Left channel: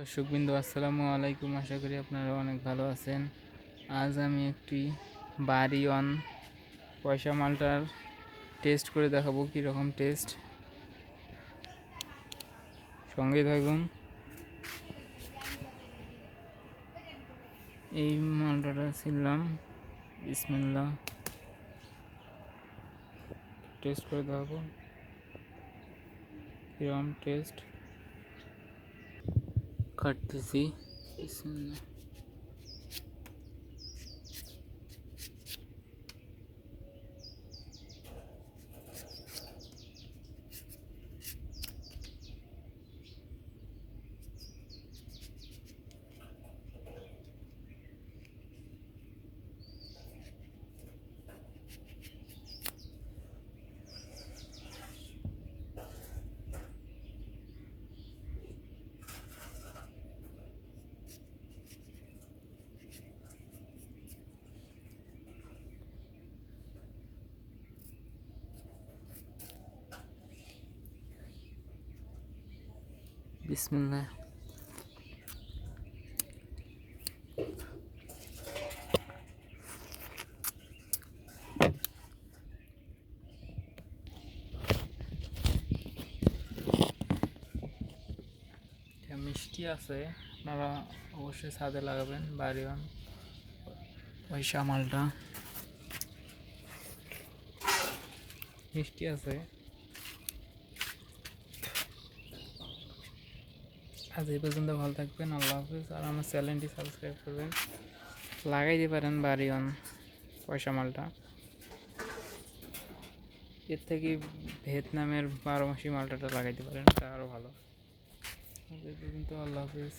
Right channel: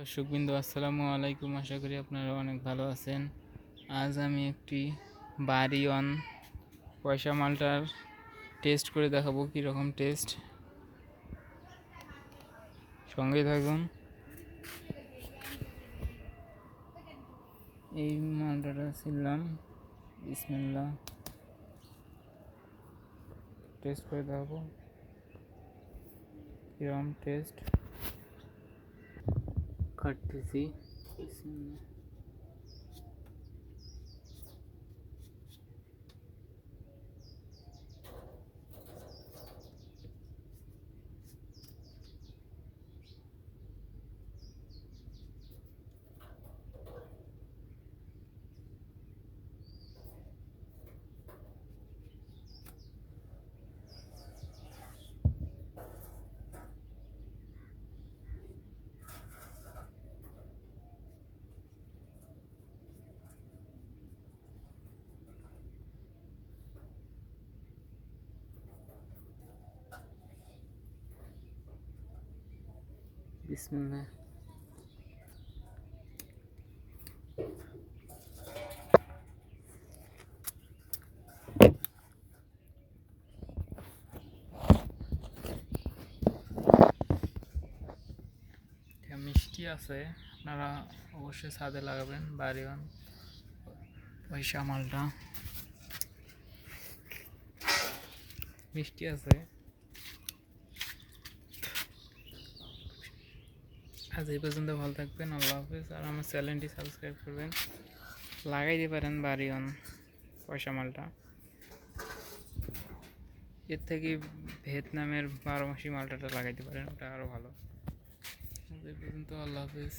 দর্শকবৃন্দ, আসসালামু আলাইকুম। আশা করি আপনারা অনেক ভালো আছেন। আজ আমি একটি বাড়ি অন পয়সা মালটার টেস্ট করে দেখাবো, কীরকম টেস্ট সঙ্গে থাকুন। এই মালটাটা ছিলাম বিসমিল্লা টেস্ট করে দেখাবো। কীরকম টেস্ট खट्टी सी इसमें এটা মিষ্টি আছে। আপনারা অবশ্যই ছাদে লাগাবেন বাড়িওয়ান পয়সা মালটা মিষ্টি আছে। আজ এই পর্যন্ত ভালো থাকবেন, আল্লাহ হাফিজ। আর আমার চ্যানেলটি সাবস্ক্রাইব করবেন। লাগাই দিতে পারেন অন পয়সা মালটা। এর থেকে ভিয়েতনামের বারো মাসি মালটাটা লাগাইতে পারেন তা আরও ভালো। আজ এই পর্যন্ত আল্লাহ হাফিজ।